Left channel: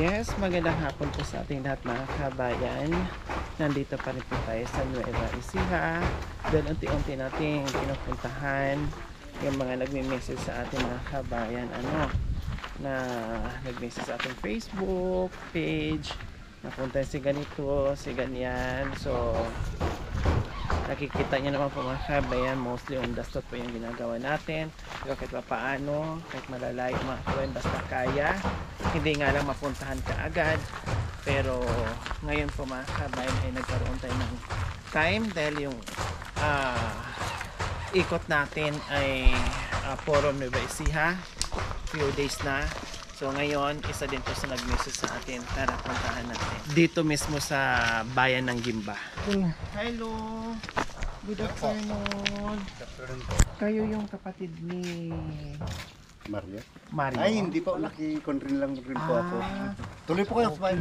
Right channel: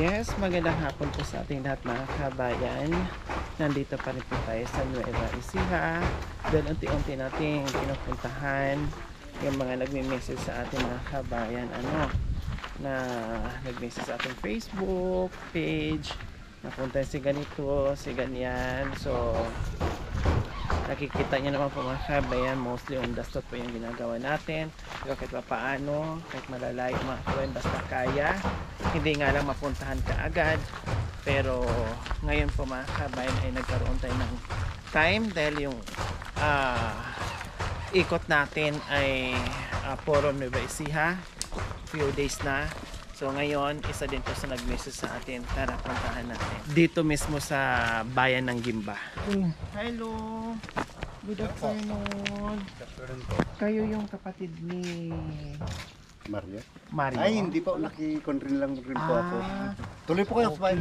Yes, magandang hapon po sa ating lahat mga kabayan. Nandito pa rin po tayo sa Nueva Ecija. Dahil unti-unti nating pinupuntahan yung mga nagme-message sa ating mga kabayan. Na nag-message sa ating Facebook page. Napunta si ganito, si ganyan. So, nakikita niyo naman po mga kabayan, mostly on the spot po yung ginagawa natin. Pero kahit pa paano, kahit malalayo mga kabayan, basta kaya. Hindi nga lang mapuntahan ka agad. Pero ngayon po mga kabayan ay nagkaroon tayo ng time dahil yung ikot natin ay puro Nueva Ecija. Few days na. So ngayon, isa din po sa nag-message sa atin. Tara, puntahan natin. Dito mismo sa bayan ng Gimba. Hello! Good afternoon. Kayo yung kapatid ni Mario? Mario? Ay, hindi po. Nakikondrin lang rin po ako. Tuloy po kayo sa bayan.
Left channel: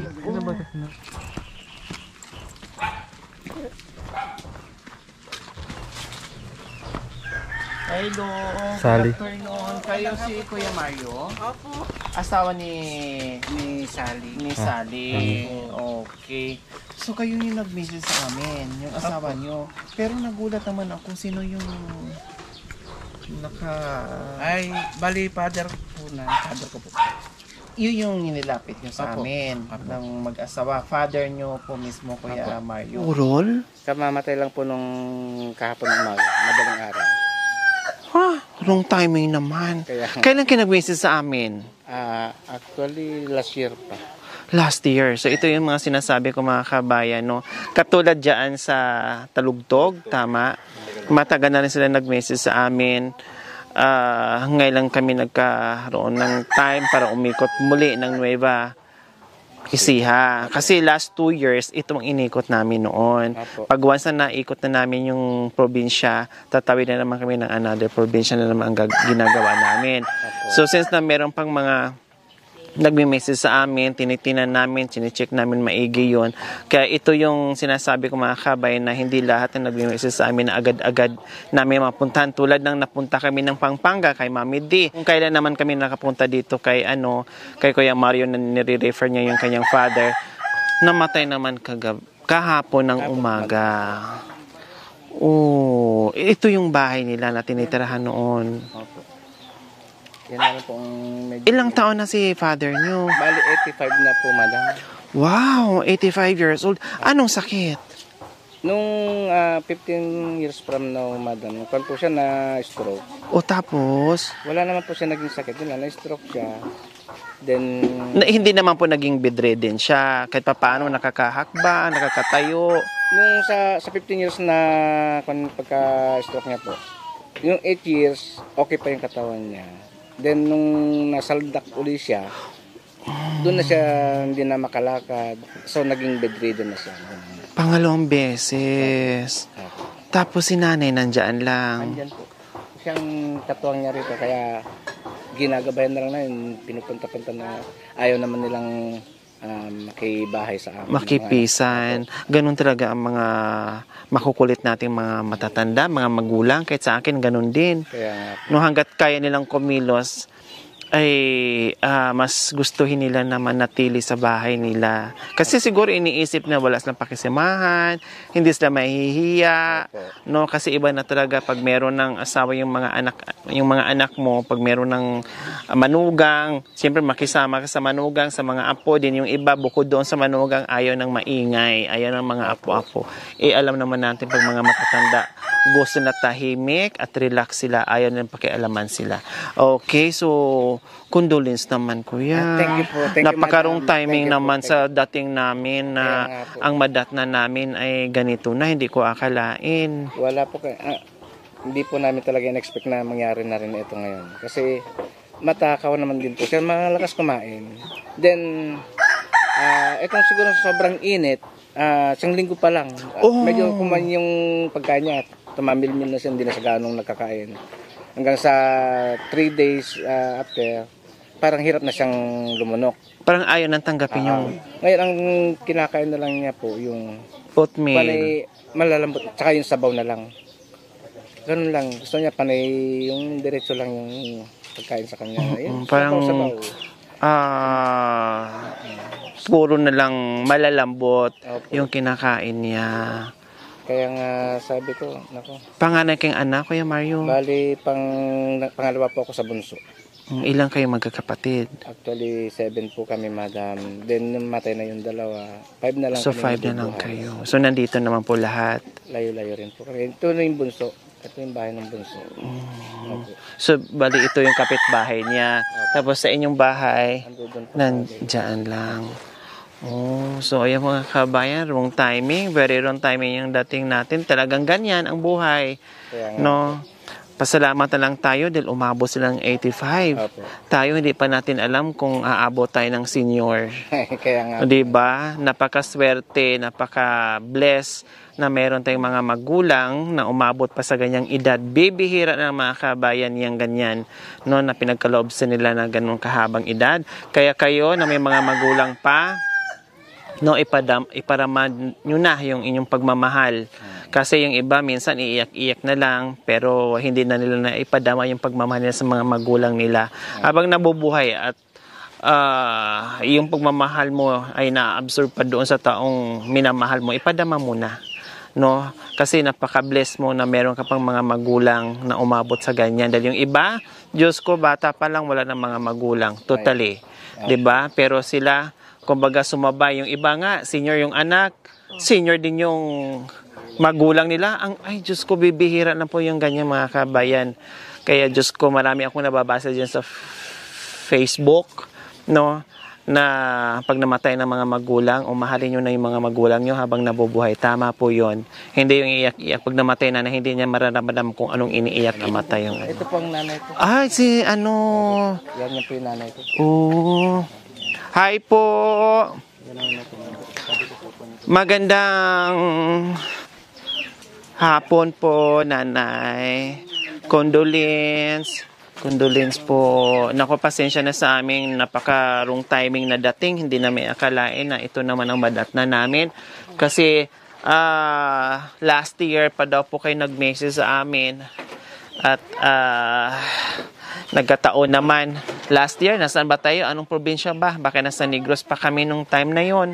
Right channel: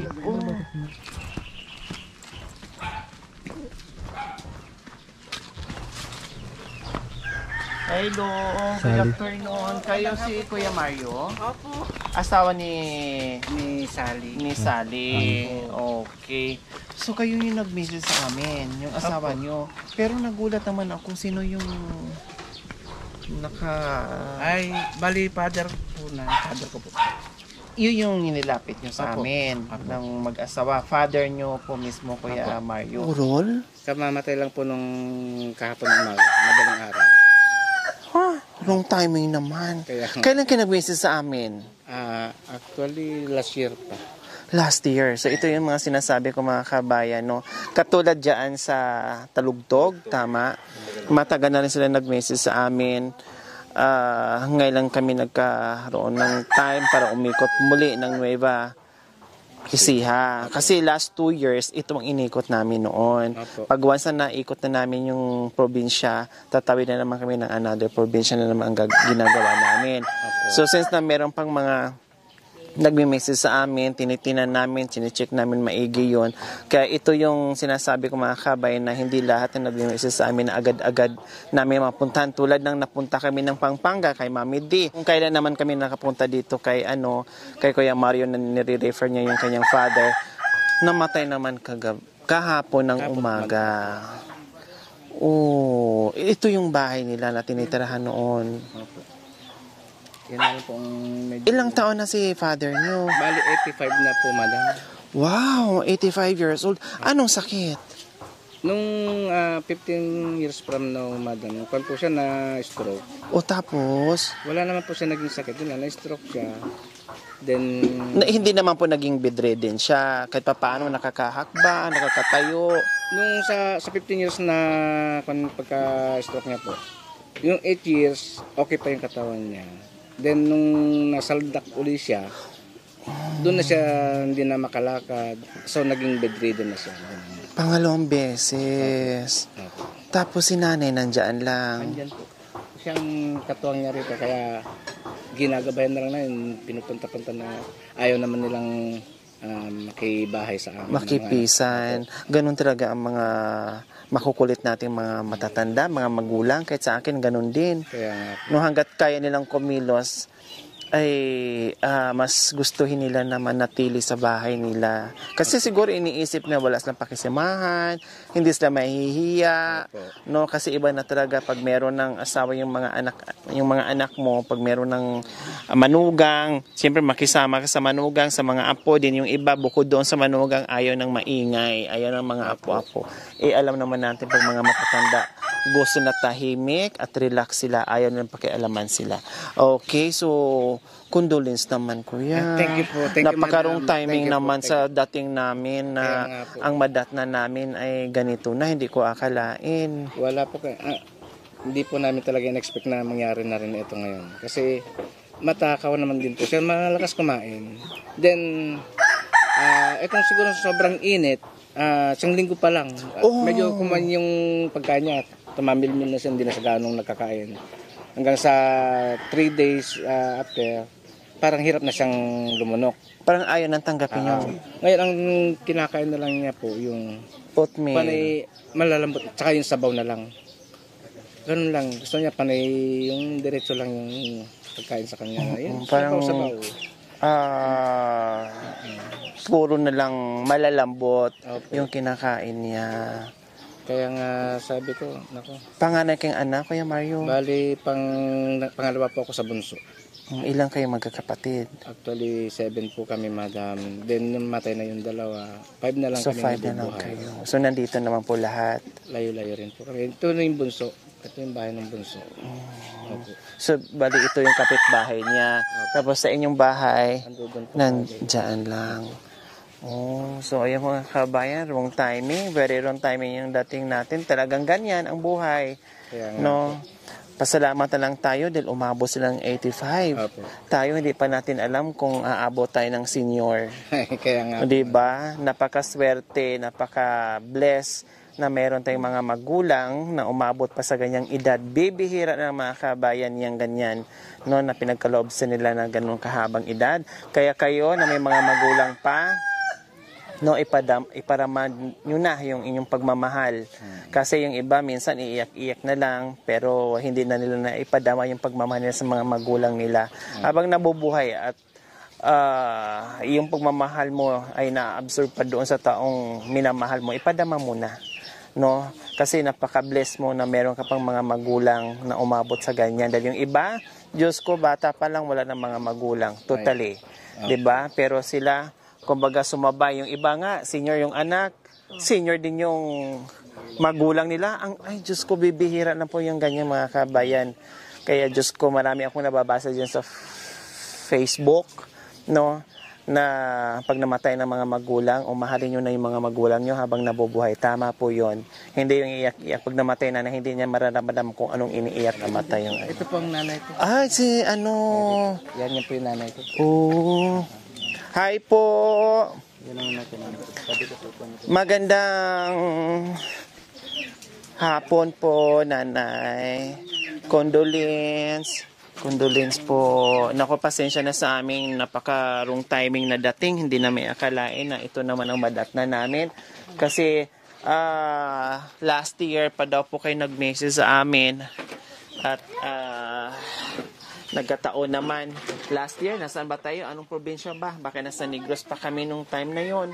Hello, good afternoon. Kayo si Kuya Mario? Opo. Asawa ni Sally. Ni Sally. Okay. So kayo yung nag-message sa amin, yung asawa nyo. Pero nagulat naman ako sino yung Ay, bali father ko po. Yun yung nilapit nyo sa amin ng mag-asawa. Father nyo po mismo, Kuya Mario. Urol? Kamamatay lang po nung kahapon ng umaga, madaling araw. Wrong timing naman. Kailan kayo nag-message sa amin? Actually, last year pa. Last year. So ito yung mga sinasabi ko mga kabayan, no? Katulad dyan sa Talugtog, tama? Matagal na rin sila nag-message sa amin. Ngayon lang kami nagkaroon ng time para umikot muli ng Nueva Ecija. Kasi last 2 years, ito ang inikot namin noon. Pag once na naikot na namin yung probinsya, tatawid na naman kami ng another probinsya na naman ang ginagawa namin. So since na meron pang mga nagme-message sa amin, tinitinan namin, sinicheck namin maigi yun. Kaya ito yung sinasabi ko mga kabayan na hindi lahat na nagme-message sa amin na agad-agad namin mapuntahan. Tulad ng napunta kami ng Pampanga kay Mami D. Kung kailan naman kami nakapunta dito kay kay Kuya Mario na nire-refer niya yung kanyang father, namatay naman kahapon ng umaga. Ito yung bahay nila na tinitirahan noon. Yan na po ang Ilang taon na si father nyo? Bali, 85 na po, madam. Wow, 85 years old. Anong sakit? Nung 15 years from now, madam, kung po siya na-stroke. O tapos? Wala naman po siya naging sakit. Na-stroke siya. Then, Hindi naman po naging bedridden siya. Kahit pa paano nakakahakba, nakakatayo. nung sa 15 years na pagka-stroke niya po, yung 8 years, okay pa yung katawan niya. Then, nung nasaldak uli siya, doon na siya hindi na makalakad. So, naging bedridden na siya. Pangalawang beses. Tapos si nanay nandyan lang. Andyan po. Siyang katuwang niya rito. Kaya, ginagabayan na lang na yun. Pinupunta-punta na ayaw naman nilang makibahay sa amin. Makipisan. Ganun talaga ang mga makukulit nating mga matatanda, mga magulang. Kahit sa akin, ganun din. Kaya, No, hanggat kaya nilang kumilos, ay mas gustuhin nila na manatili sa bahay nila. Kasi siguro iniisip na wala silang pakisamahan, hindi sila mahihiya, no? Kasi iba na talaga pag meron ng asawa yung mga anak mo, pag meron ng manugang, siyempre makisama ka sa manugang, sa mga apo din. Yung iba bukod doon sa manugang, ayaw ng maingay, ayaw ng mga apo-apo. Alam naman natin pag mga matatanda, gusto na tahimik at relax sila, ayaw nilang pakialaman sila. Okay, so condolence naman, Kuya. Thank you po. Thank you, Napakarong madam. timing Thank you po. naman sa dating namin na ang madatna namin ay ganito na, hindi ko akalain. wala po hindi po namin talaga in-expect na mangyari na rin ito ngayon. Kasi matakaw naman din po siya, malakas kumain. Then itong siguro sobrang init, isang linggo pa lang. Medyo kumain yung pagkain niya, tumamilmil na siya, hindi na siya ganong nakakain. Hanggang sa 3 days after, parang hirap na siyang lumunok. Parang ayaw nang tanggapin yung Ngayon, ang kinakain na lang niya po, yung oatmeal. panay malalambot, tsaka yung sabaw na lang. Ganun lang. Gusto niya panay yung diretso lang yung pagkain sa kanya. Yun, Parang sabaw. puro na lang malalambot Opo. yung kinakain niya. Kaya nga sabi ko, nako, Panganay kayong anak, Kuya Mario? bali pangalawa po ako sa bunso. Ilang kayo magkakapatid? Actually, 7 po kami, madam. Then, matay na yung dalawa. 5 na lang So, kami 5 na lang nabubuhay. kayo. So, nandito naman po lahat. Layo-layo rin po kami. Ito na yung bunso. Ito yung bahay ng bunso. Opo. So, bali ito yung kapitbahay niya. Tapos sa inyong bahay, Andun po. nandyan lang. Oh, so ayan mga kabayan, wrong timing. Very wrong timing yung dating natin. Talagang ganyan ang buhay. Kaya nga, No? Pasalamat na lang tayo dahil umabot silang 85. Opo. Tayo hindi pa natin alam kung aabot tayo ng senior. Kaya nga. 'Di ba? Napakaswerte, napaka-bless na meron tayong mga magulang na umabot pa sa ganyang edad. Bibihira ng mga kabayan yang ganyan, no, na pinagkaloob sa nila na ganung kahabang edad. Kaya kayo na may mga magulang pa, no, iparamad nyo na yung inyong pagmamahal. Kasi yung iba minsan iiyak-iyak na lang pero hindi na nila na ipadama yung pagmamahal nila sa mga magulang nila. Habang nabubuhay at yung pagmamahal mo ay na-absorb pa doon sa taong minamahal mo, ipadama mo na. No? Kasi napaka-bless mo na meron ka pang mga magulang na umabot sa ganyan. Dahil yung iba, Diyos ko, bata pa lang wala ng mga magulang. Totally. 'Di ba? Pero sila kumbaga sumabay. Yung iba nga, senior yung anak, senior din yung magulang nila. Ay, Diyos ko, bibihira na po yung ganyan mga kabayan. Kaya Diyos ko, marami akong nababasa dyan sa Facebook, no, na pag namatay ng mga magulang, mahalin nyo na yung mga magulang nyo habang nabubuhay. Tama po yon. Hindi yung iyak-iyak pag namatay na hindi niya mararamdam kung anong iniiyak namatay yung Ito po ang nanay ko. Ay, si ano. Yan yung po yung nanay ko. Hi po. Yan ang natin. Sabi ko po. Magandang hapon po, nanay. Condolence po. Naku, pasensya na sa aming napaka-wrong timing na dating. Hindi na may akalain na ito naman ang madatna namin. Kasi last year pa daw po kayo nag-message sa amin. At nagkataon naman. Last year, nasaan ba tayo? Anong probinsya ba? Baka nasa Negros pa kami nung time na yon.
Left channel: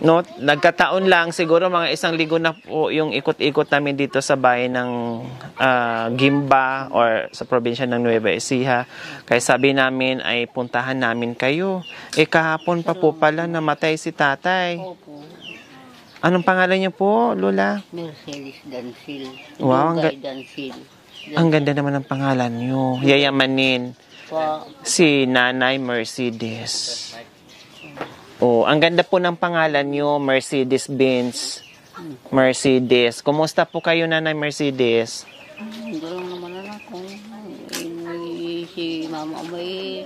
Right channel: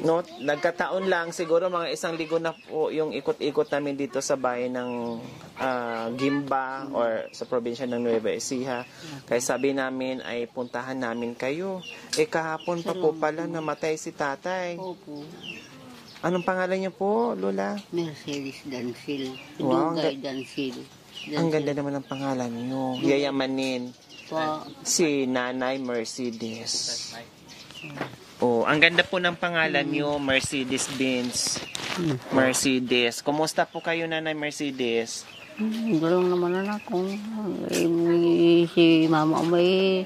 No, nagkataon lang, siguro mga 1 linggo na po yung ikot-ikot namin dito sa bayan ng Gimba or sa probinsya ng Nueva Ecija. Kaya sabi namin ay puntahan namin kayo. Kahapon pa po pala namatay si tatay. Opo. Anong pangalan niyo po, Lola? Mercedes Dancil. Wow, Dugay Dancil. Ang ganda naman ng pangalan niyo. Yayamanin. Pa, Si Nanay Mercedes. Oh, ang ganda po ng pangalan niyo, Mercedes-Benz. Mercedes. Kumusta po kayo, Nanay Mercedes? gano'n naman na ako. Si mama may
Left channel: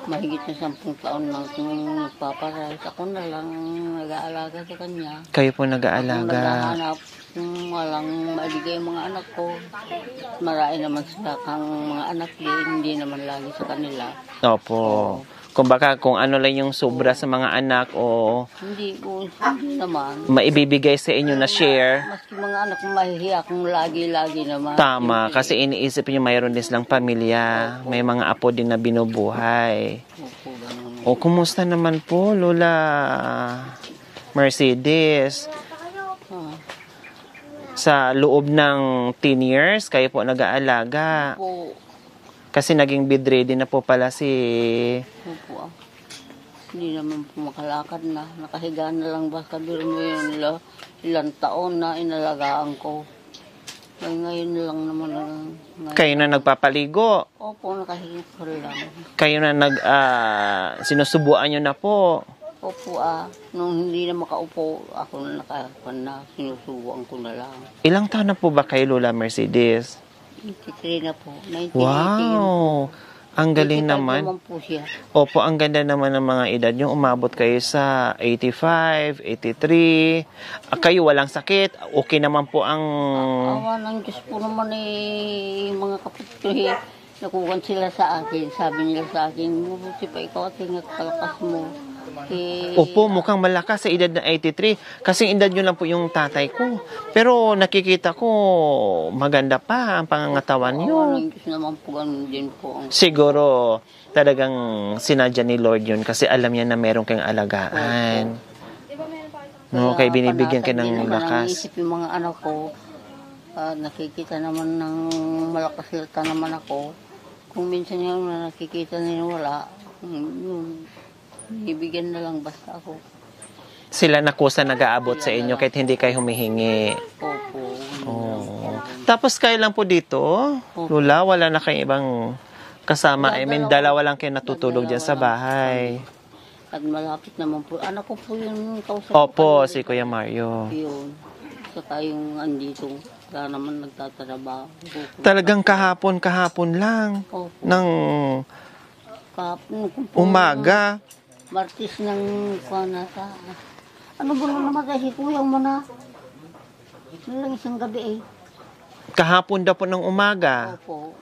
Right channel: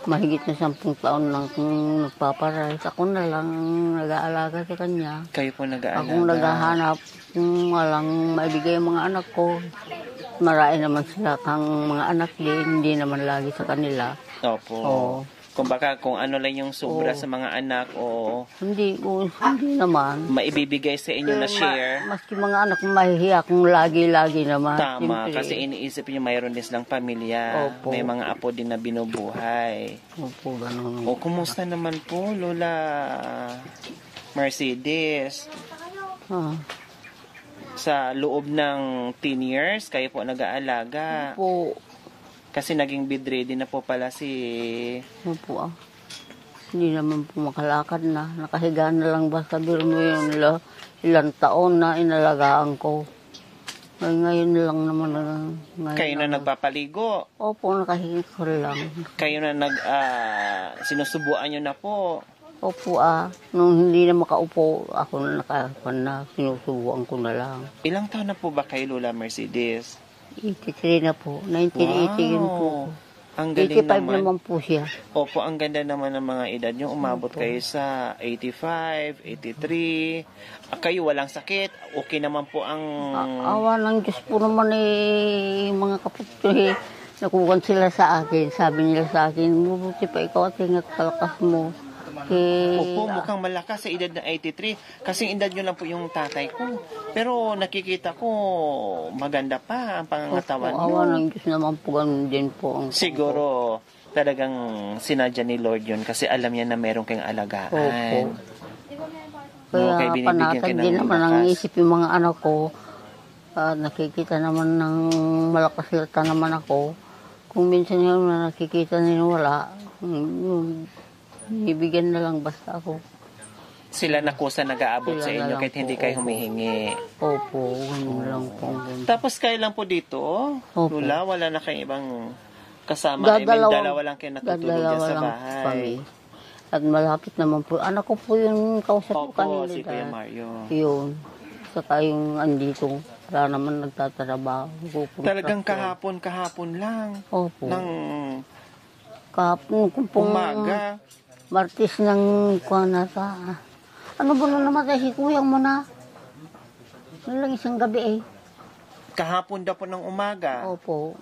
mahigit na 10 taon lang kung nagpaparahit. Ako na lang nag-aalaga sa kanya. Kayo po Akong nag-aalaga. naghahanap kung walang maibigay ang mga anak ko. Marami naman sila kang mga anak din, hindi naman lagi sa kanila. Opo. Kumbaga, kung ano lang yung sobra sa mga anak o Hindi naman. maibibigay sa inyo na share, Maski mga anak mahihiya kung lagi-lagi naman. tama. Siyempre. Kasi iniisip nyo mayroon din silang pamilya. May mga apo din na binubuhay. Opo, ganun. O, kumusta naman po, Lola Mercedes? Ah, Sa loob ng 10 years, kayo po nag-aalaga. opo. Kasi naging bedridden na po pala si... Opo. Hindi naman po makalakad na. Nakahiga na lang ba? Sabi mo yun, ilang taon na inalagaan ko. Ngayon lang naman. Ngayon. Kayo na nagpapaligo. Opo, nakahiga ko lang. Kayo na sinusubuan nyo na po. Opo nung hindi na makaupo, ako na nakarapan na, sinusubuan ko na lang. Ilang taon na po ba kayo, Lola Mercedes? 83 na po, 1980 yun po. Wow! Ang galing 85 naman. naman po siya. Opo, ang ganda naman ng mga edad nyo. Umabot kayo sa 85, 83. Kayo walang sakit. Okay naman po ang... Awa ng Diyos po naman mga kapatid. Nakukuhan sila sa akin. Sabi nila sa akin, mabuti pa ikaw at ingat kalakas mo. Opo, mukhang malakas sa edad na 83. Kasing edad nyo lang po yung tatay ko. Pero nakikita ko, maganda pa ang pangangatawan nyo. Awa ng Diyos naman po, ganun din po. Siguro, talagang sinadya ni Lord yun kasi alam niya na meron kang alagaan. No, kaya binibigyan ka ng naman ang lakas. isip yung mga anak ko. Nakikita naman ng malakas silta naman ako. Kung minsan yung nakikita nila wala, bibigyan na lang basta ako. Sila na kusa nag-aabot sa Sila na inyo lang kahit hindi kayo humihingi. Opo, yun lang po. Tapos kayo lang po dito, Opo. Lula, wala na kayong ibang kasama. I mean, dalawa lang kayo natutulog dyan sa Dadalawa lang bahay. kami. At malapit naman po. Anak ko po yung kausap Opo, kanina. si Kuya Mario. Yun. Saka yung andito, wala naman nagtatrabaho. Talagang kahapon lang. Opo. Ng Kahapon ko po. umaga. Martis ng kuha na sa... Ano ba nung namatay si Kuya mo na? Ano lang isang gabi eh. Kahapon daw po ng umaga. Opo.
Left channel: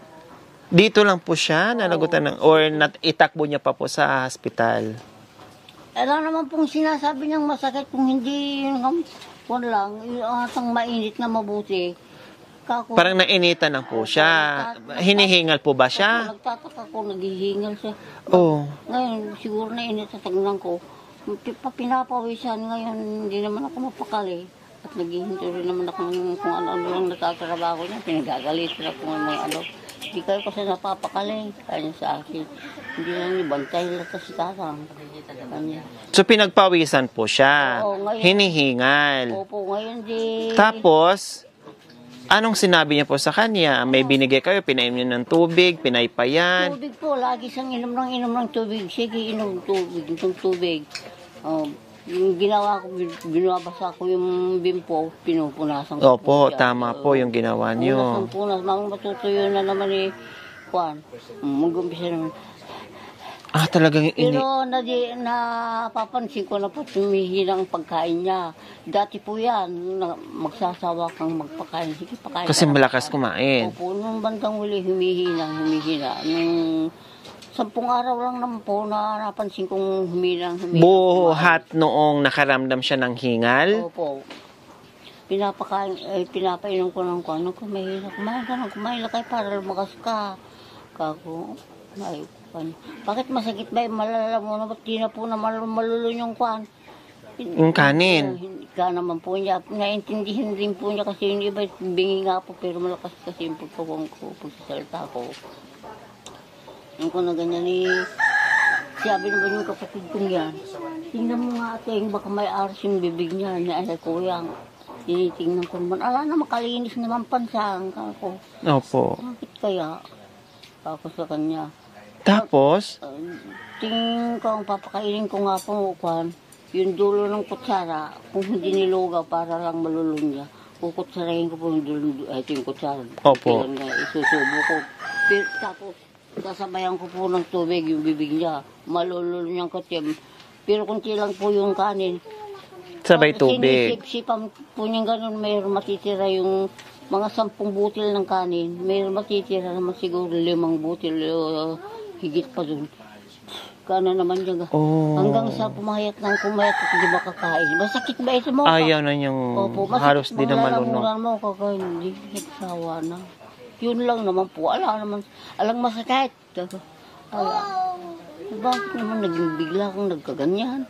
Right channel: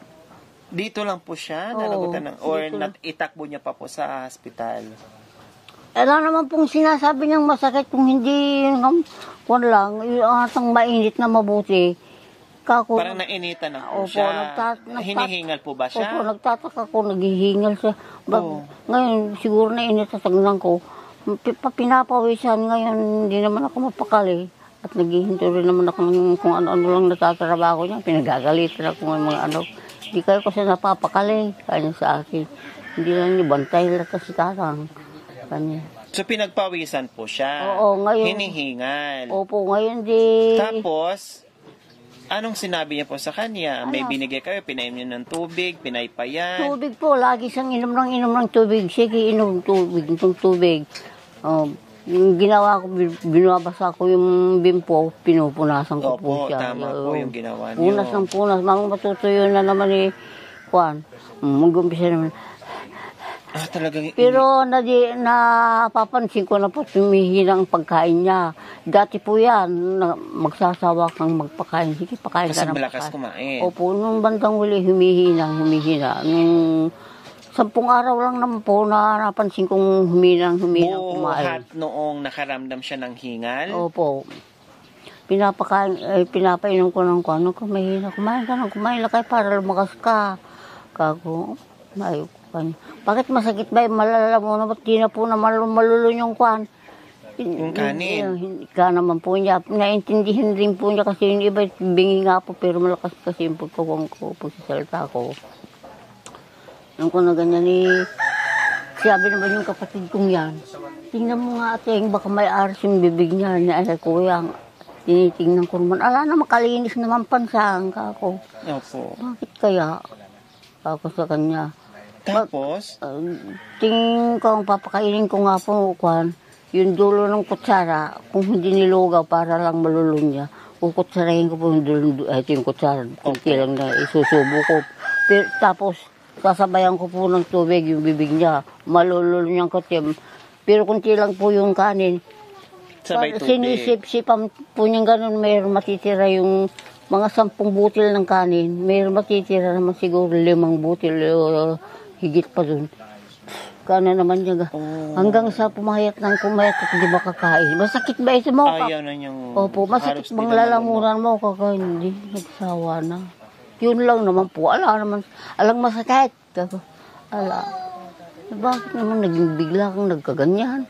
Dito lang po siya, Oo. nalagutan ng, or itakbo niya pa po sa hospital. Ano naman pong sinasabi niyang masakit kung hindi kuha lang, yung mainit na mabuti. Kako, Parang nainitan lang po Opo, siya. Hinihingal po ba Opo, siya? nagtataka ko, naghihingal siya. Oo. Ngayon, siguro na initatagnan ko. Pinapawisan ngayon, hindi naman ako mapakali. At naghihinto rin naman ako kung ano-ano lang natatrabaho niya. Pinagagalitan ako ng mga ano. Hindi kayo kasi napapakali. Kanya sa akin. Hindi lang niyo bantay lang kasi tatang. Kanya. So, pinagpawisan po siya. Oo, ngayon. Hinihingal. Opo, ngayon di... Tapos, anong sinabi niya po sa kanya? May binigay kayo, pinainom niyo ng tubig, pinaypayan. Tubig po, lagi siyang inom ng tubig. Sige, inom ng tubig. Yung ginawa ko, binabasa ko yung bimpo, pinupunasan ko Opo, po siya. tama po yung ginawa niyo. Punas ng punas. Mamang matutuyo na naman eh. Kuan. Mag-umpisa naman. Talagang Pero napapansin ko na po tumihina ang pagkain niya. Dati po yan, magsasawa kang magpakain. Sige, pakain kasi ka na malakas pakain. kumain. Opo, nung bandang huli, humihina. Nung 10 araw lang naman po na napansin kong humina. Buhat noong nakaramdam siya ng hingal. Opo. Pinapainom ko ng kuano ko, mahina. Kumain na kayo para lumakas ka. Kako, bakit masakit ba? Malala mo na, ba't di na po na malulun yung kuan? Yung kanin. Ka naman po niya. Naintindihan rin po niya kasi yung iba bingi nga po pero malakas kasi yung pagkawang ko po sa salita ko. Nung ko na ganyan sabi naman yung kapatid kong yan, tingnan mo nga ate, baka may aras yung bibig niya. Ay, kuya, tinitingnan ko naman. Ala na, makalinis naman pansang ka ako. Opo. Bakit kaya? Ako sa kanya. Tapos, Tingin ko, papakainin ko nga po, Kwan, yung dulo ng kutsara, kung hindi nilugaw para lang malulun niya, kukutsarahin ko po yung dulo, ito yung kutsara, Opo. kailang na isusubo ko. Pero, tapos, sasabayan ko po ng tubig yung bibig niya, malulun niyang kutsem. Pero kung lang po yung kanin, sabay tubig. sinisip-sipan po niyang ganun, mayroon matitira yung mga 10 butil ng kanin, mayroon matitira naman siguro 5 butil, higit pa dun. Kana naman niya. Hanggang sa pumayat at hindi makakain. Masakit ba ito mo? Ayaw na niyang Opo, halos masakit di bang na lalamunan mo kakain. Hindi, nagsawa na. Yun lang naman po. Alang masakit. Bakit naman naging bigla kang nagkaganyan?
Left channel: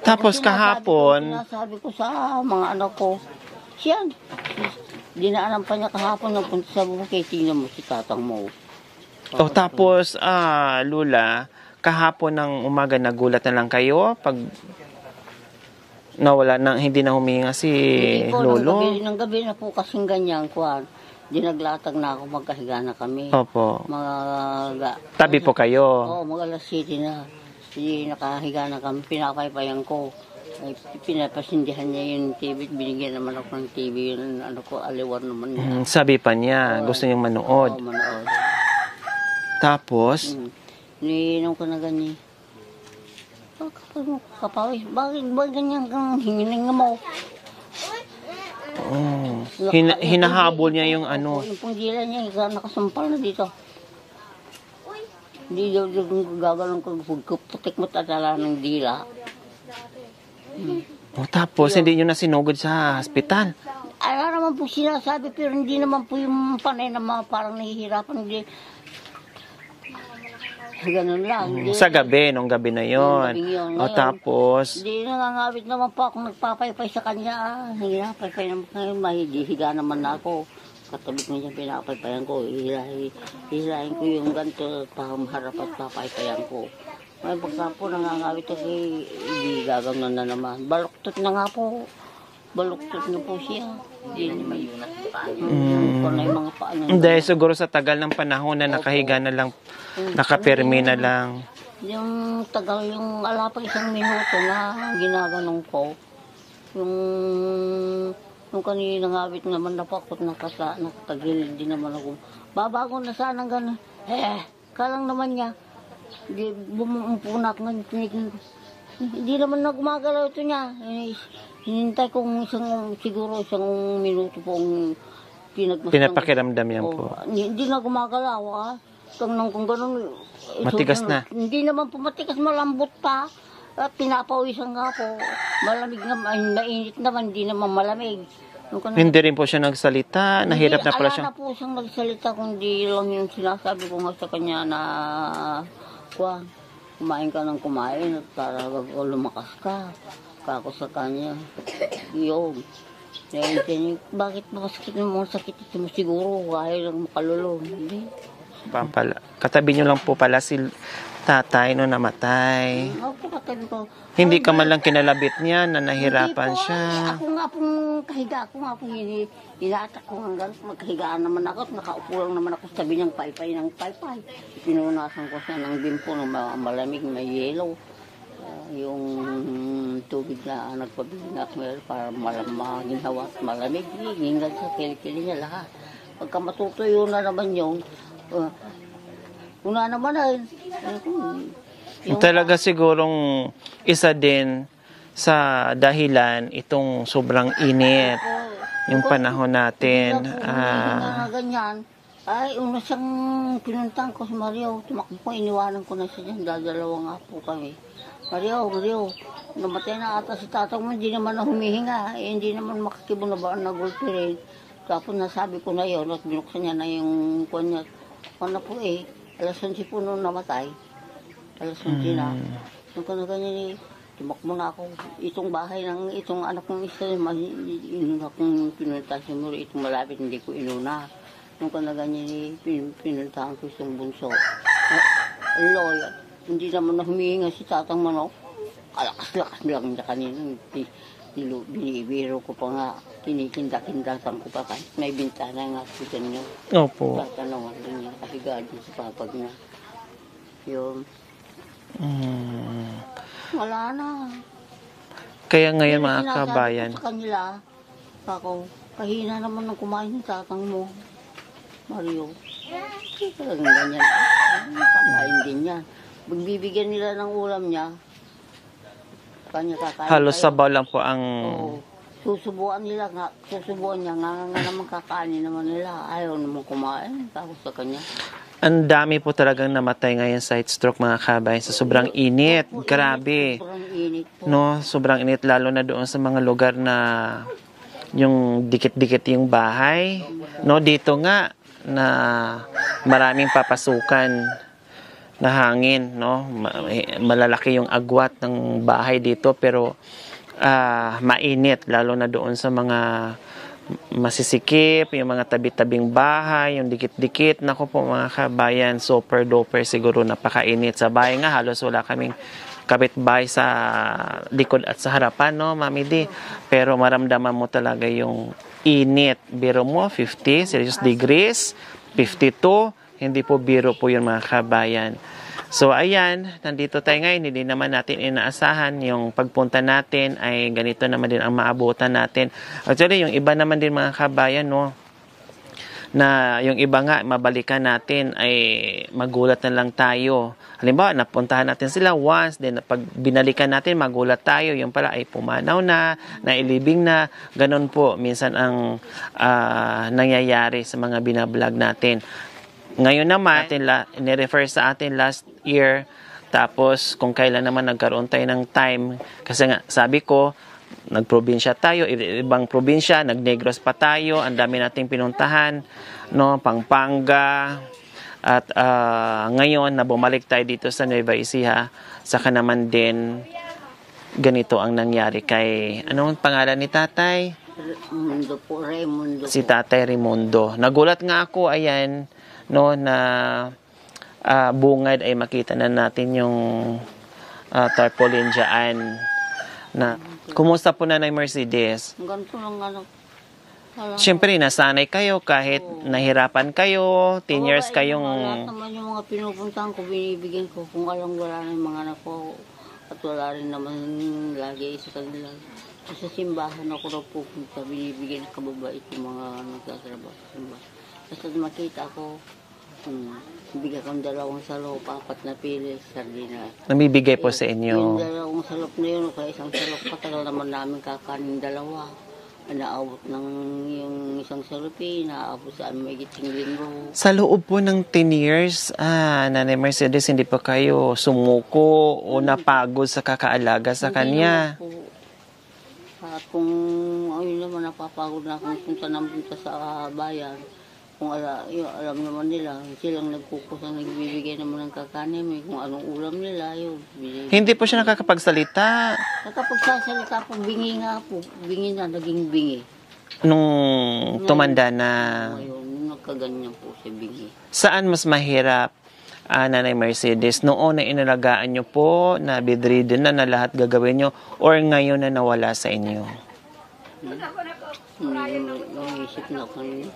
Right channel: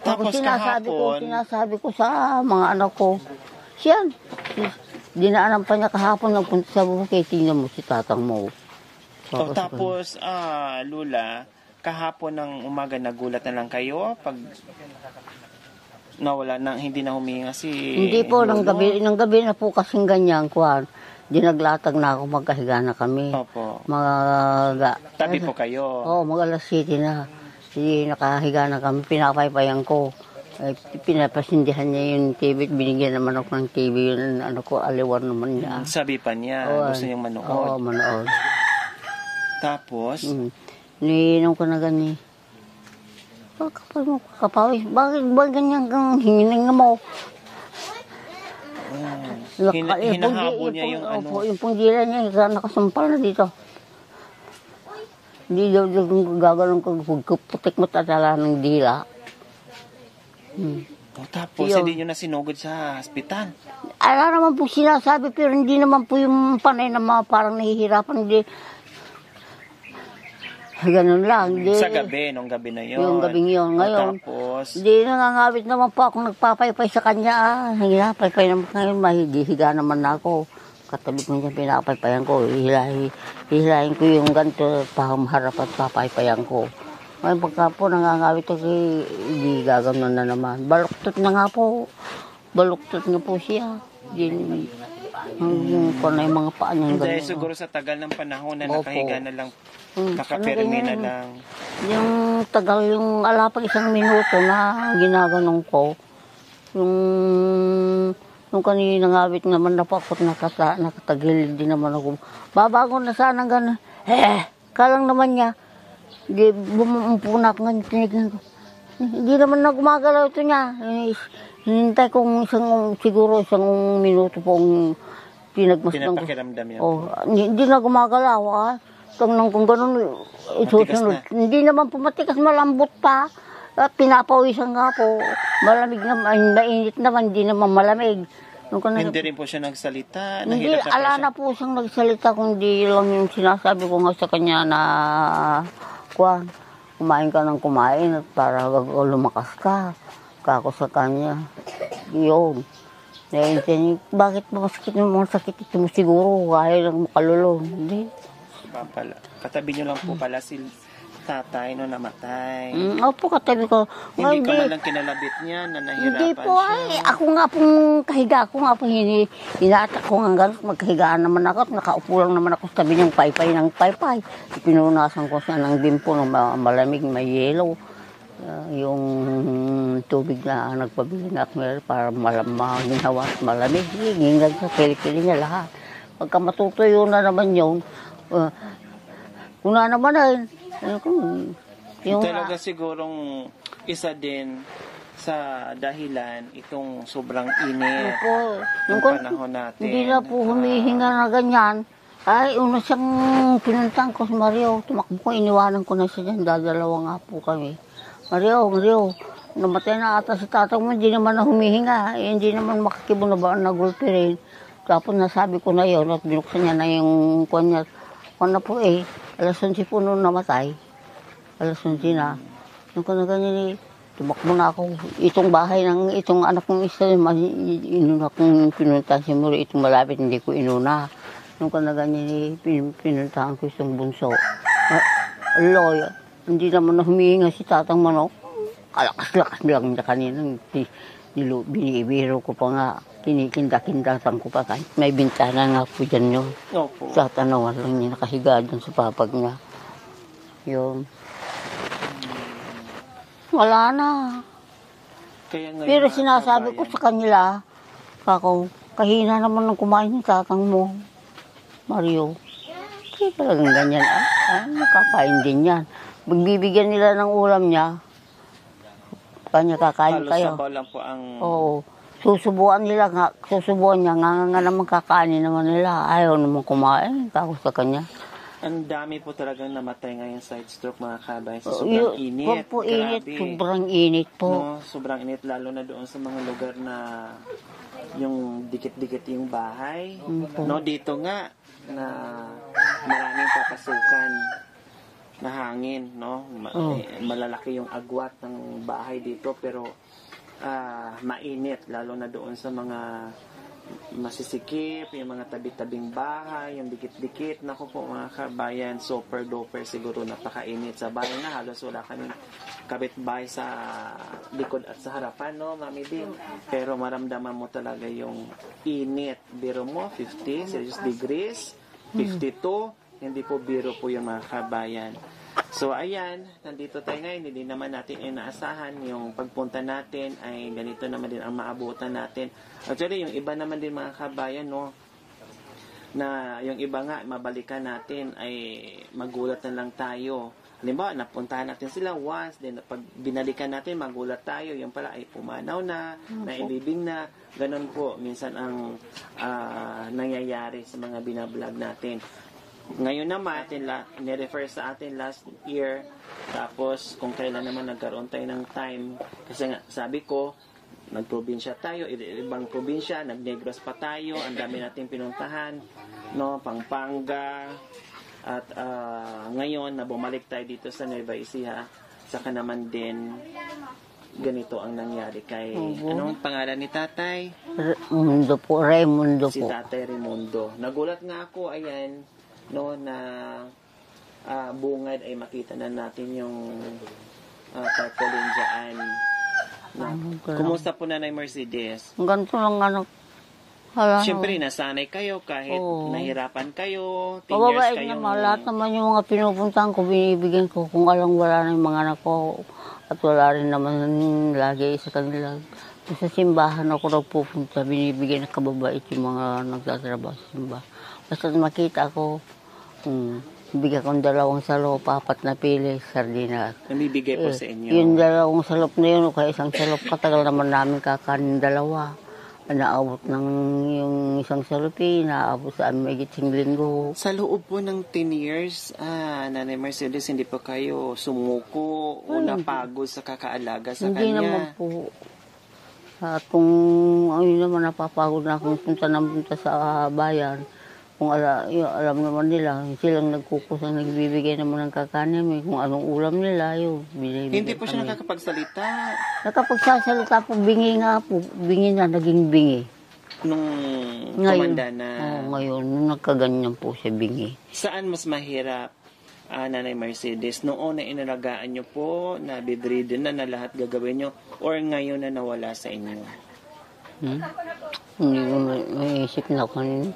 Tapos kahapon, Sinasabi ko sa mga anak ko, siyan. Dinaanan pa niya kahapon nagpunta sa bukid. Tingnan mo si tatang mo. tapos, Lula, kahapon ng umaga nagulat na lang kayo pag nawala na, hindi na huminga si Hindi po, Lolo? ng gabi na po kasing ganyan, kuhan. Dinaglatag na ako, magkahiga na kami. Opo. Tabi po kayo? Oo, mag-alas 7 na. Hindi, nakahiga na kami, pinapaypayan ko. Ay, pinapasindihan niya yung TV, binigyan naman ako ng TV, yun, aliwan naman niya. Sabi pa niya, gusto niyang manood. Oo, manood. Tapos, Iniinom ko na ganyan. Kapag mo kapawis, bakit ba ganyan kang hiniling mo? hinahabol niya yung ano. Yung punggila niya, nakasumpal na dito. Hindi daw gagalong putik mo tatala ng dila. Tapos, hindi niyo na sinugod sa hospital. Ala naman po sinasabi, pero hindi naman po yung panay na parang nahihirapan. Hindi. Ganun lang. Di, Sa gabi, nung gabi na Yung yon. gabing yun. O, Ngayon, tapos, di nangangawit naman po ako nagpapaypay sa kanya. Nagpapaypay naman ngayon, mahihiga naman na ako. Katabi ko niya pinapaypayan ko. Hihilahin ko yung ganito, pahamharap at papaypayan ko. Ngayon pagka po nangangawit ako, hindi gagawin na naman. Baluktot na nga po. Baluktot na po siya. Hindi na yung mga paa niya. dahil siguro sa tagal ng panahon na nakahiga na lang, nakapirmi na lang. Yung tagal, yung alapang 1 minuto na ginaganon ko, yung kanina ngawit naman na po ako nakatagilid din naman ako. Babago na sana gano'n. Kalang naman niya. Di bumumpo na ako nga tinignan ko. Hindi naman na gumagalaw ito niya. Hinintay kong siguro isang minuto pong Pinapakiramdam yan po. Hindi na gumagalaw. Kung gano'n. Matigas na. Hindi naman po matigas, malambot pa. At pinapawisan nga po. Malamig naman, mainit naman, hindi naman malamig. Hindi rin po siya nagsalita, nahirap na pala siya. Ala na po siyang nagsalita, kundi lang yung sinasabi ko nga sa kanya na, kumain ka ng kumain at para lumakas ka. Kako sa kanya. Yun. Bakit masakit ito mo siguro? Kaya lang makalulong. Hindi. Katabi niyo lang po pala si tatay no namatay. Opo, katabi ko. Hindi ka man lang kinalabit niya na nahirapan Hindi po, siya. Ako nga pong kahiga. Ako nga pong inatak ko nga gano'n. Magkahigaan naman ako. Nakaupo lang naman ako sa tabi ng paypay ng paypay. Pinunasan ko siya ng bimpo ng malamig, may yellow. Yung tubig na nagpabili na ako para maginhawa at malamig. Hingad sa pili-pili niya lahat. Pagka matutuyo na naman yun, una naman Talaga sigurong isa din sa dahilan itong sobrang init yung panahon natin. Hindi na po humihinga na ganyan. Ay, una siyang pinuntahan ko si Mario. Tumakbo ko, iniwanan ko na siya dyan. Dadalawa nga po kami. Mario, namatay na ata si tatang mo. Hindi naman na humihinga. Hindi naman makakibo na ba nagulpi rin. Tapos nasabi ko na yun at binuksan niya na yung kuwan niya. Kuwan na po alas 11 po nung namatay. Alas 11 na. Nung ka na ganyan tumakbo na ako. Itong bahay ng itong anak kong isa, inuna kong pinuntahan si Mario. Itong malapit, hindi ko inuna. Nung ka na ganyan pinuntahan ko isang bunso. Loy, hindi naman na humihinga si tatang manok. Kalakas-lakas lang niya kanina. Binibiro ko pa nga. Kinikinda-kindatan ko pa kahit may bintana nga po dyan yun. Opo. Tatanawan lang niya, nakahiga dyan sa papag niya. Yun. Wala na. Kaya ngayon Pero mga sinasabi kabayan, ko sa kanila, kahina naman ng kumain ng tatang mo, Mario. Kaya talagang ganyan. Nakakain din yan. Magbibigyan nila ng ulam niya, kanya kakain halos kayo. sabaw lang po ang... Oo. Susubuan niya, nga naman kakainin naman nila. Ayaw naman kumain, tapos sa kanya. Ang dami po talagang namatay ngayon sa heat stroke mga kabayan sa sobrang init. Opo, Grabe. Sobrang init po. No, sobrang init lalo na doon sa mga lugar na yung dikit-dikit yung bahay. No, dito nga na maraming papasukan na hangin, no. Malalaki yung agwat ng bahay dito pero mainit lalo na doon sa mga masisikip, yung mga tabi-tabing bahay, yung dikit-dikit. Naku po mga kabayan, super duper siguro napakainit. Sa bahay nga halos wala kaming kapitbahay sa likod at sa harapan, no, Mami D. Pero maramdaman mo talaga yung init. Biro mo, 50 Celsius degrees, 52, hindi po biro po yun mga kabayan. So ayan, nandito tayo ngayon, hindi naman natin inaasahan yung pagpunta natin ay ganito naman din ang maabutan natin. Actually, yung iba naman din mga kabayan, no, na yung iba nga, mabalikan natin ay magulat na lang tayo. Halimbawa, napuntahan natin sila once, then pag binalikan natin, magulat tayo. Yung pala ay pumanaw na, nailibing na. Ganon po, minsan ang nangyayari sa mga binablog natin. Ngayon naman, nirefer sa atin last year, tapos kung kailan naman nagkaroon tayo ng time, kasi nga, sabi ko, nagprobinsya tayo, ibang probinsya, nagnegros pa tayo, ang dami nating pinuntahan, no, Pampanga, At ngayon na bumalik tayo dito sa Nueva Ecija, saka naman din ganito ang nangyari kay, anong pangalan ni tatay? Mundo po, Raimundo Si po. Tatay Raimundo. Nagulat nga ako, ayan, no, na bungad ay makita na natin yung tarpaulin dyan. Na, kumusta po Nanay Mercedes? Ganito lang ano. Hala, Siyempre, nasanay kayo kahit Oo. nahirapan kayo, 10 years Mababait kayong... naman. Lahat naman yung mga pinupuntahan ko, binibigyan ko. Kung alam wala na yung mga anak ko. At wala rin naman lagi sa kanila. Sa simbahan ako nagpupunta, binibigyan ng kababait yung mga nagtatrabaho sa simbahan. Basta makita ko, bigyan kong 2 salop, 4 na pili, sardinas. Namibigay po sa inyo. Yung 2 salop na yun, o kaya 1 salop, katagal naman namin kakanin 2. Naabot ng yung 1 salop naabot sa amin may 5 linggo. Sa loob po ng 10 years, Nanay Mercedes, hindi pa kayo sumuko o napagod sa kakaalaga sa Hindi kanya? naman po. At kung ayun naman, napapagod na akong punta sa bayan. Kung alam naman nila, silang nagkukusang nagbibigay naman ng kakanin. May kung anong ulam nila, yun. Hindi po siya nakakapagsalita Nakapagsasalita po, bingi nga po. Bingi na, naging bingi. nung Ngayon. tumanda na. Ngayon, nung nagkaganyan po siya, bingi. Saan mas mahirap, Nanay Mercedes? Noon na inalagaan nyo po, na bedridden na lahat gagawin nyo, or ngayon na nawala sa inyo? Hindi ko naisip na kung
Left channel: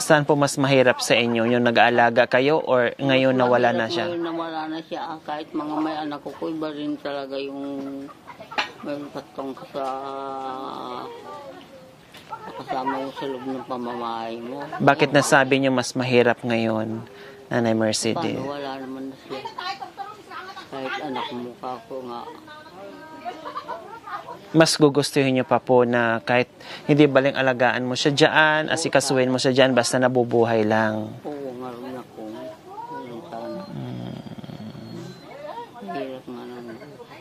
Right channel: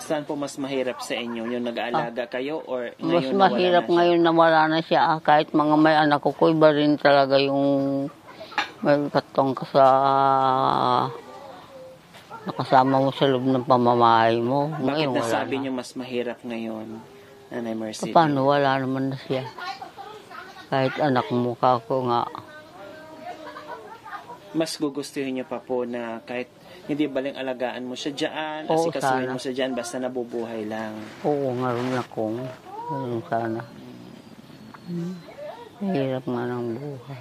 Saan po mas mahirap sa inyo? Yung nag-aalaga kayo or ngayon mas nawala na mahirap siya? ngayon na wala na siya. Kahit mga may anak ko, iba rin talaga yung may katong nakasama mo sa loob ng pamamahay mo. Bakit Ngayon, nasabi nyo mas mahirap ngayon, Nanay Mercedes? paano wala naman na siya. Kahit anak mo ka ko nga. Mas gugustuhin nyo pa po na kahit hindi baling alagaan mo siya dyan, Oo, asikasuhin sana. mo siya dyan, basta nabubuhay lang. Oo nga rin akong. Ganun sana. Hirap nga ng buhay.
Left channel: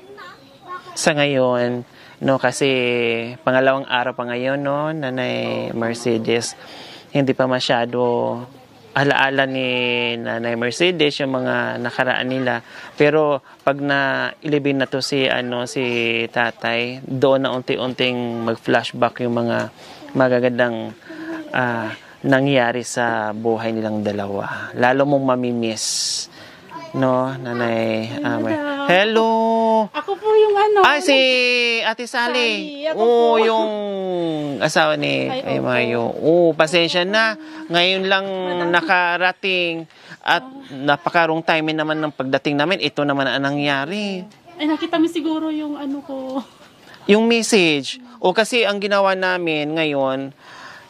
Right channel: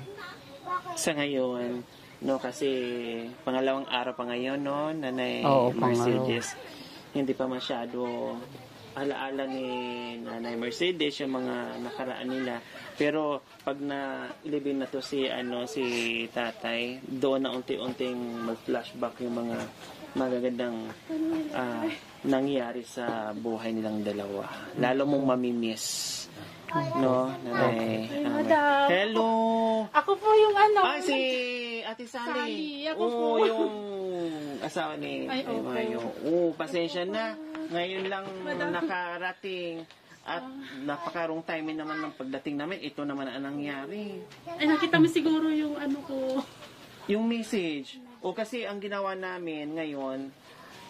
Sa ngayon, no, kasi pangalawang araw pa ngayon, no, Nanay Oo, Mercedes, hindi pa masyado alaala ni Nanay Mercedes yung mga nakaraan nila. Pero pag na-ilibin na to si tatay, doon na unti-unting mag-flashback yung mga magagandang nangyari sa buhay nilang dalawa. Lalo mong mamimiss, no, Nanay Hello! Ako po yung Ay, si Ate Sally. Sally, ako Oo, po. yung asawa ni Ay, opo. Mayo. Oo, pasensya na. Ngayon lang nakarating at napakarong timing naman ng pagdating namin. Ito naman ang nangyari. Ay, nakita mo siguro yung ano ko. Yung message. O kasi ang ginawa namin ngayon,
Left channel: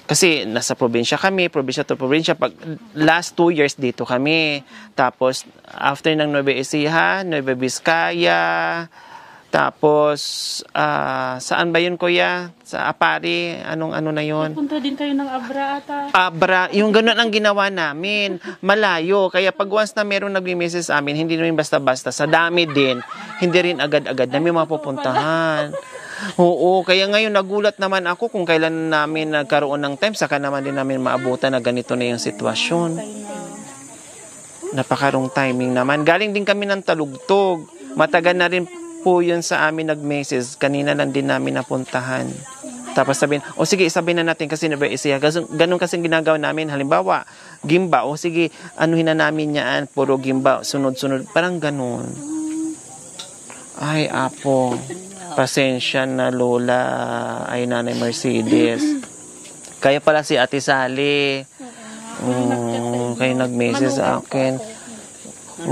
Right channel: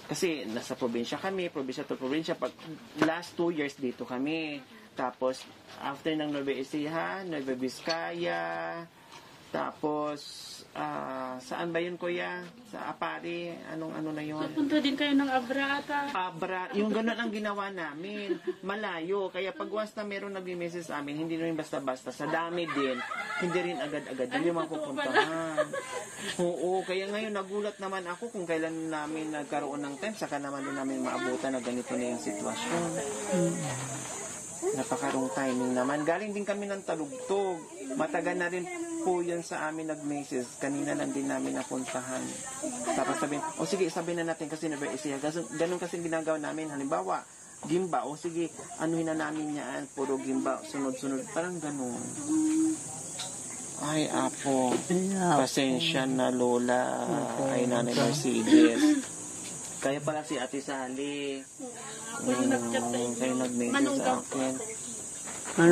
kasi nasa probinsya kami, probinsya to probinsya. Pag last 2 years dito kami. Tapos after ng Nueva Ecija, Nueva Vizcaya, tapos saan ba yun, Kuya? Sa Apari? Ano na yun? Punta din kayo ng Abra ata. Abra, yung gano'n ang ginawa namin. Malayo. Kaya pag once na meron nag-message sa amin, hindi namin basta-basta. Sa dami din, hindi rin agad-agad namin mapupuntahan. Oo, kaya ngayon nagulat naman ako kung kailan namin nagkaroon ng time, saka naman din namin maabutan na ganito na yung sitwasyon. Napakarong timing naman. Galing din kami ng Talugtog. Matagal na rin po yun sa amin nag-message. Kanina lang din namin napuntahan. Tapos sabihin, o sige, sabihin na natin kasi Nueva Ecija. Ganun kasing ginagawa namin. Halimbawa, gimba. O sige, anuhin na namin yan. Puro gimba. Sunod-sunod. Parang ganun. Ay, apo. Pasensya na, Lola. Ay, Nanay Mercedes. Kaya pala si Ate Sally. Kayo nag-message sa akin.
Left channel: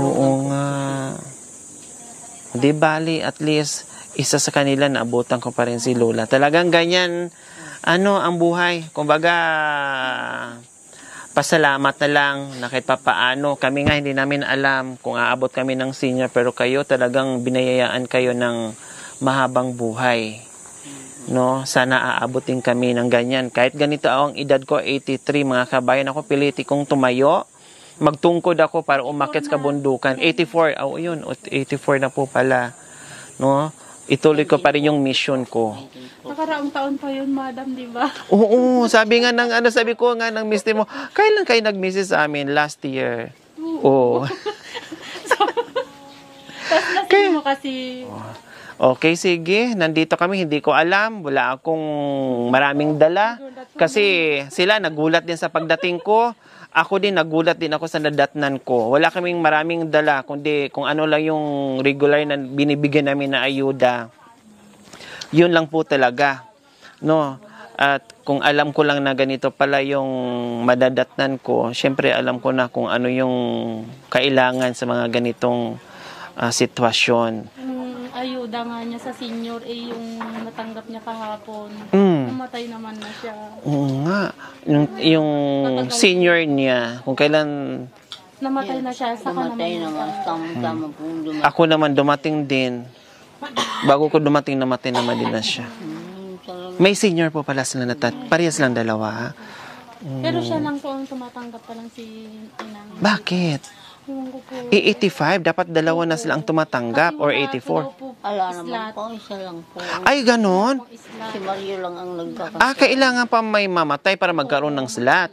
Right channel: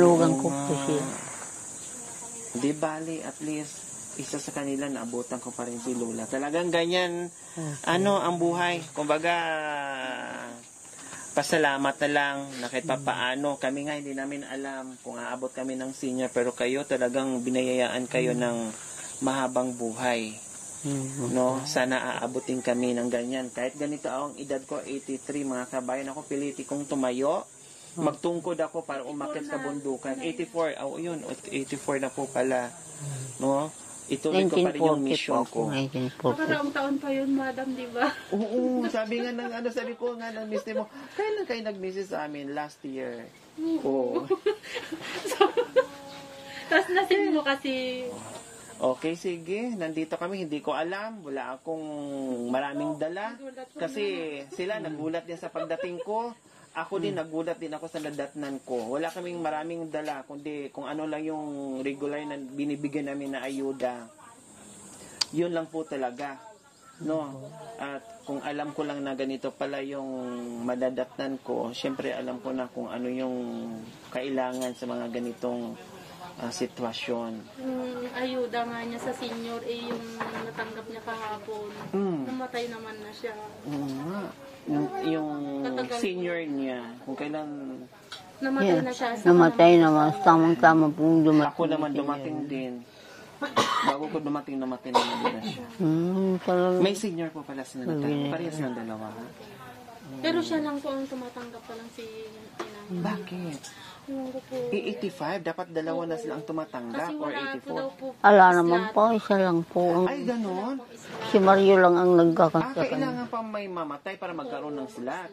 Oo nga. Di bali, at least, isa sa kanila, naabutan ko pa rin si Lola. Talagang ganyan, ang buhay. Kumbaga, pasalamat na lang na kahit papaano. Kami nga hindi namin alam kung aabot kami ng senior, pero kayo talagang binayayaan kayo ng mahabang buhay. No, sana aabutin kami ng ganyan. Kahit ganito ang edad ko, 83, mga kabayan, ako piliti kong tumayo. Magtungkod ako para umakyat sa kabundukan. 84, yun, 84 na po pala. No? Ituloy ko pa rin yung mission ko. Nakaraang taon pa yun, madam, di ba? Oo, sabi nga sabi ko nga ng mister mo, kailan kayo nag-message sa amin? Last year. 2 Oo. Tapos lasing mo kasi, Okay, sige. Nandito kami. Hindi ko alam. Wala akong maraming dala. Kasi sila nagulat din sa pagdating ko. Ako din, nagulat din ako sa nadatnan ko. Wala kaming maraming dala, kundi kung ano lang yung regular na binibigyan namin na ayuda. Yun lang po talaga. No? At kung alam ko lang na ganito pala yung madadatnan ko, syempre alam ko na kung ano yung kailangan sa mga ganitong sitwasyon. yung ayuda nga niya sa senior, yung natanggap niya kahapon. Namatay naman na siya. Oo nga. Yung senior niya, kung kailan Namatay na siya. Sa Namatay naman. Tamang-tama po dumating. ako naman dumating din. Bago ko dumating, namatay naman din na siya. Talaga. May senior po pala sila na parehas lang dalawa. Pero siya lang po ang tumatanggap pa lang si Inang. Bakit? Ewan ko po. 85, dapat dalawa na sila ang tumatanggap or 84. Ala naman po, isa lang po. Ay, ganon? Si Mario lang ang nagkakasya. Kailangan pa may mamatay para magkaroon ng slot.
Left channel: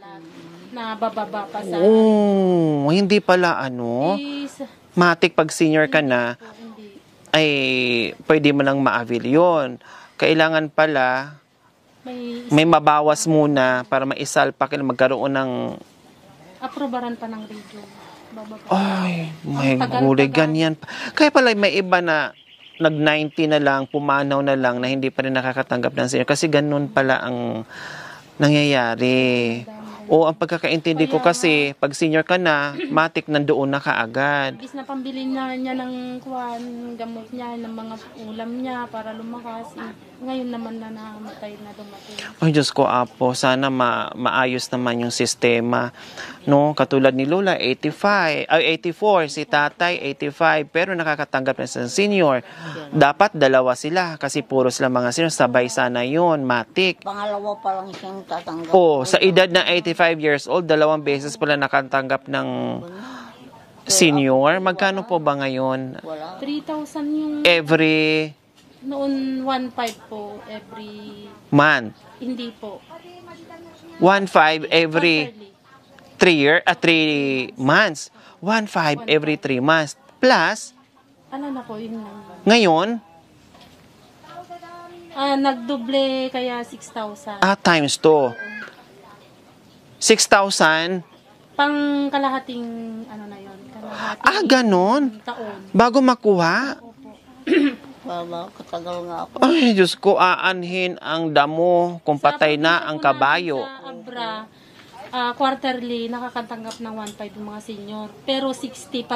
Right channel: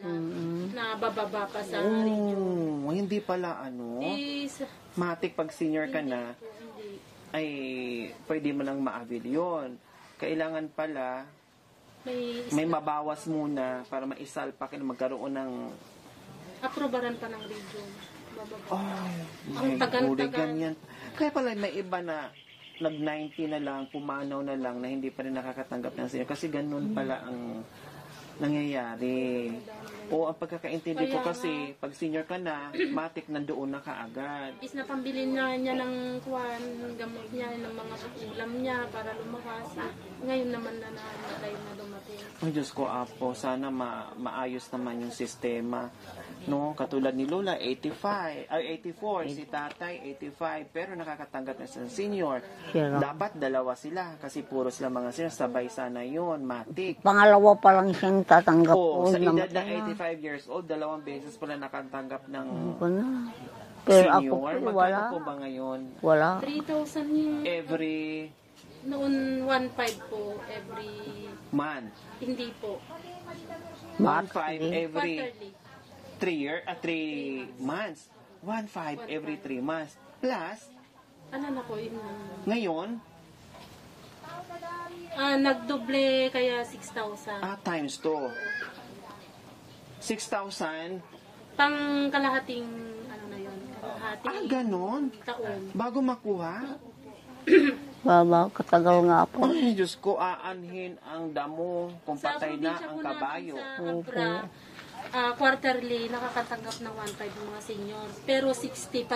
Na bababa pa sa... Oh, hindi pala matik pag senior ka na, Hindi. ay pwede mo nang ma-avail yun. Kailangan pala May may mabawas muna para maisalpak na magkaroon ng aprobaran pa ng radio. Bababa. ay, may gulay ganyan pa. Kaya pala may iba na nag-90 na lang, pumanaw na lang na hindi pa rin nakakatanggap ng senior. Kasi ganun pala ang nangyayari. O ang pagkakaintindi ko kasi, pag senior ka na, matik nandoon na kaagad. Imbis na pambili na niya ng gamot niya, ng mga ulam niya para lumakas. Ngayon naman na namatay na dumating. Ay, Diyos ko, Apo, sana maayos naman yung sistema. No? Katulad ni Lola, 84, si Tatay, 85, pero nakakatanggap na sa senior. Dapat dalawa sila kasi puro sila mga senior. Sabay sana yun, matik. Pangalawa pa lang siyang tatanggap. Sa edad na 85 years old, 2 beses pala nakatanggap ng senior. Magkano po ba ngayon? Wala. 3,000 yung Every noon 1,500 po every month. hindi po. 1,500 every Quarterly. 3 months. 1,500 every 3 months. Plus, Ala na po yun lang. ngayon, Nagdoble kaya 6,000. times 2. 6,000. Pang kalahating na yun. Kalahating Ganon. taon. Bago makuha. Baba, katagal nga po. Ay, Diyos ko, aanhin ang damo kung patay na ang kabayo. Sa Abra, quarterly, nakakatanggap ng 1,500 yung mga senior. Pero 60,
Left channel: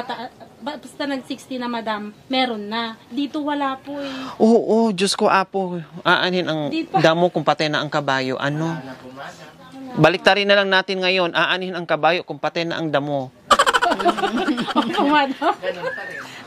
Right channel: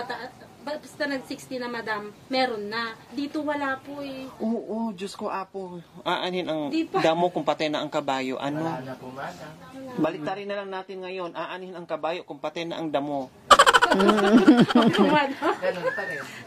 basta nag-60 na madam, meron na. Dito wala po eh. Oo, Diyos ko, Apo, aanhin ang damo kung patay na ang kabayo. Ano? Baliktarin na lang natin ngayon, aanhin ang kabayo kung patay na ang damo.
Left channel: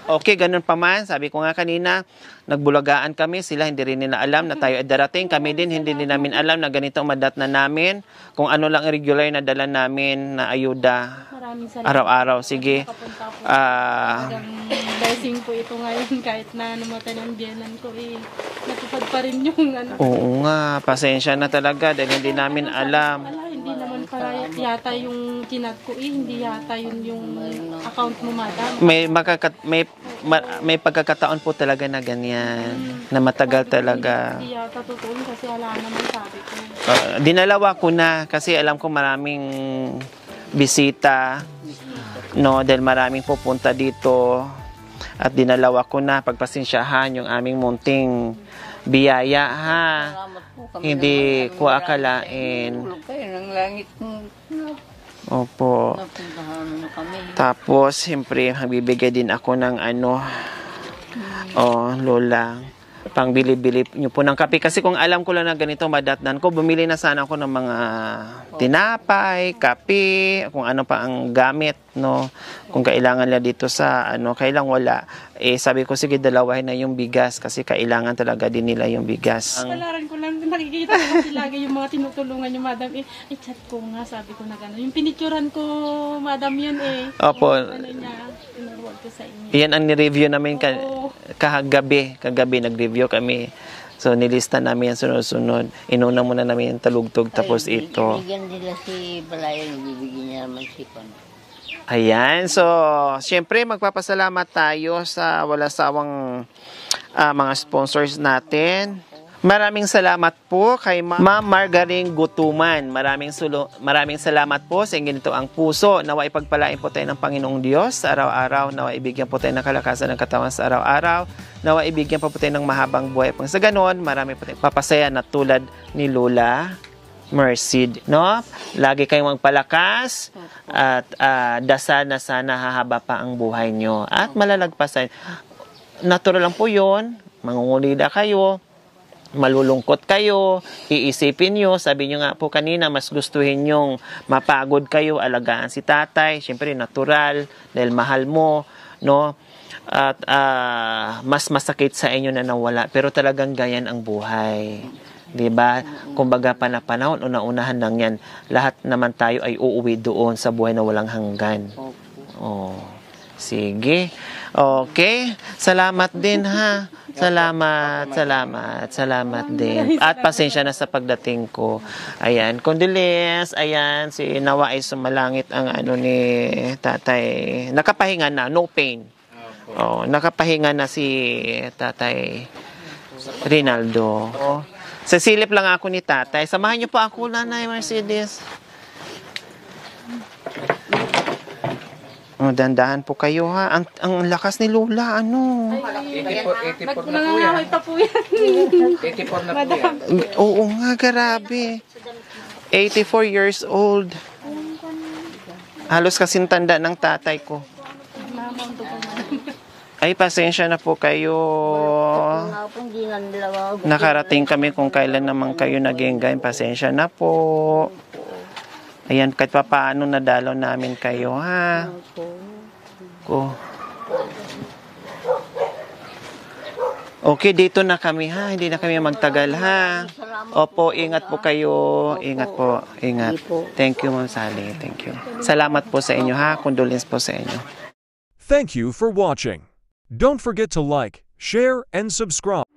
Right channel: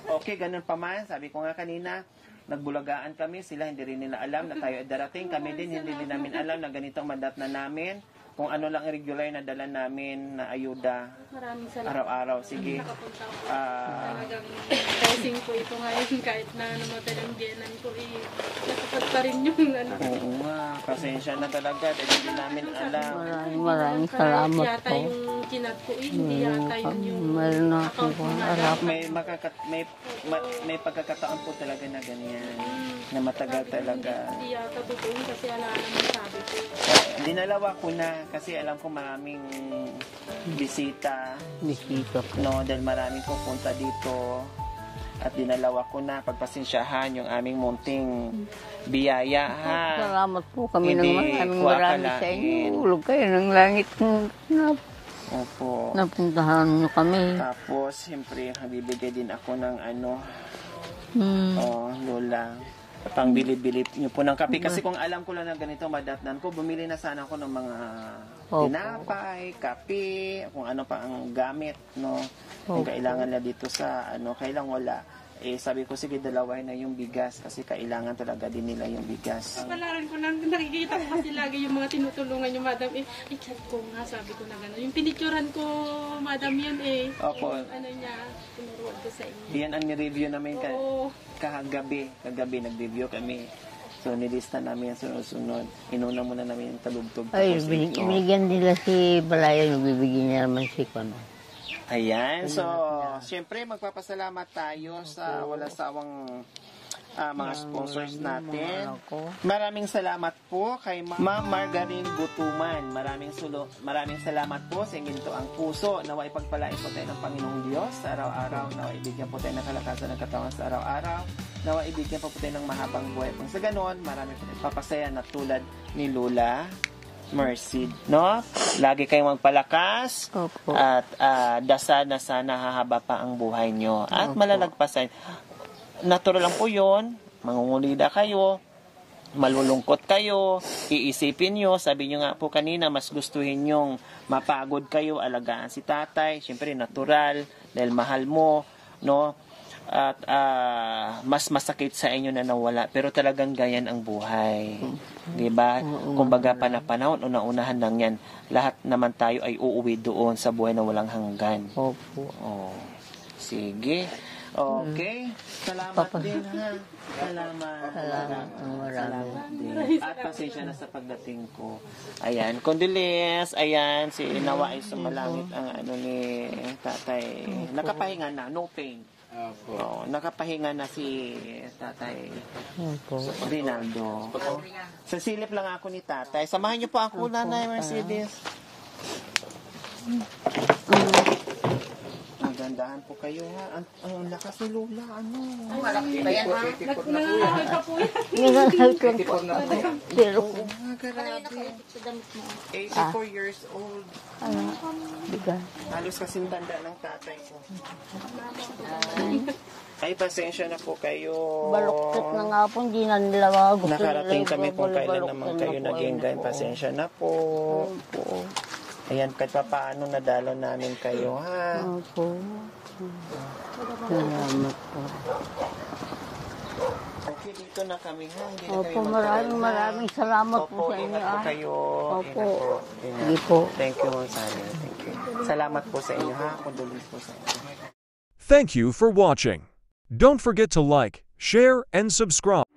Okay, ganun pa man. Sabi ko nga kanina, nagbulagaan kami. Sila hindi rin nila alam na tayo ay darating. Kami din, hindi din namin alam na ganito ang madat na namin. Kung ano lang ang regular na dala namin na ayuda Maraming salamat. araw-araw. Sige. Nakapunta po. Talagang blessing po ito ngayon kahit na namatay ng genan ko natupad pa rin yung Oo nga, pasensya na talaga dahil hindi namin alam. Maraming salamat yata po. yung kinat ko hindi yata yun yung Meron na account mo madam. May pagkakataon po talaga na ganyan, na matagal talaga. Hindi yata totoo kasi wala naman sabi ko. Dinalawa ko na kasi alam ko maraming bisita, no, dahil maraming pupunta dito. At dinalawa ko na, pagpasensyahan yung aming munting biyaya, ha. Salamat po kami Hindi naman. ko akalain. Tulog kayo ng langit na Opo. napuntahan nyo kami. Tapos, siyempre, magbibigay din ako ng Lola, pang bili-bili nyo po ng kape. Kasi kung alam ko lang na ganito madatnan ko, bumili na sana ako ng mga tinapay, kape, kung ano pa ang gamit, no? Kung kailangan nila dito sa, kailang wala. Sabi ko, sige, dalawahin na yung bigas kasi kailangan talaga din nila yung bigas. Kalaran ko lang, nakikita ko kasi lagi yung mga tinutulungan yung madam. Chat ko nga, sabi ko na gano'n. Yung pinicturan ko, madam yun Opo. Yung niya, inaruan ko sa inyo. Yan ang ni-review namin kagabi nag-review kami. So, nilista namin yan sunod-sunod. Inuna muna namin yung talugtog, tapos ito. Ibigyan nila si Balaya, bibigyan niya naman si Kono. Ayan, so syempre magpapasalamat tayo sa wala sawang mga sponsors natin. Maraming salamat po kay Ma'am Margaring Gutuman. Maraming salamat po sa inyo ang puso. Naway pagpalain po tayo ng Panginoong Diyos sa araw-araw. Naway ibigyan po tayo ng kalakasan ng katawan sa araw-araw. Naway ibigyan po tayo ng mahabang buhay. Pang sa ganon, marami po tayong papasaya na tulad ni Lola Mercy, no? Lagi kayong magpalakas. Opo. At dasal na sana hahaba pa ang buhay nyo. At malalagpasan. Natural lang po yun. Mangungulida kayo. Malulungkot kayo. Iisipin nyo. Sabi nyo nga po kanina, mas gustuhin nyong mapagod kayo, alagaan si tatay. Siyempre, natural. Dahil mahal mo, no? At mas masakit sa inyo na nawala. Pero talagang ganyan ang buhay. Diba? Kumbaga panahon, una-unahan lang yan. Lahat naman tayo ay uuwi doon sa buhay na walang hanggan. Opo. Oh. Sige. Okay. Salamat din ha. Salamat din. At pasensya na sa pagdating ko. Ayan, Condoleezza, ayan, si Nawa ay sumalangit ang ano ni tatay. Nakapahinga na, no pain. Oh, nakapahinga na si tatay Rinaldo. Sa silip lang ako ni tatay. Samahan niyo po ako, Nanay Mercedes. Oh, dandahan po kayo ha. Ang lakas ni Lola, ano. 84 na po yan. Nangangamoy pa po yan. 84 na po yan. Oo nga, grabe. 84 years old. Halos kasing tanda ng tatay ko. Ay, pasensya na po kayo. Na nga po, hindi na nila mabuti. Nakarating kami kung kailan naman kayo nag-engayin. Pasensya na po. Ayan, kahit pa paano nadalaw namin kayo, ha? Ko. Okay, dito na kami, ha? Hindi na kami magtagal, ha? Opo, ingat po kayo. Ingat po. Ingat. Thank you, Ma'am Sally. Thank you. Salamat po sa inyo, ha? Condolence po sa inyo. Thank you for watching. Don't forget to like, share, and subscribe.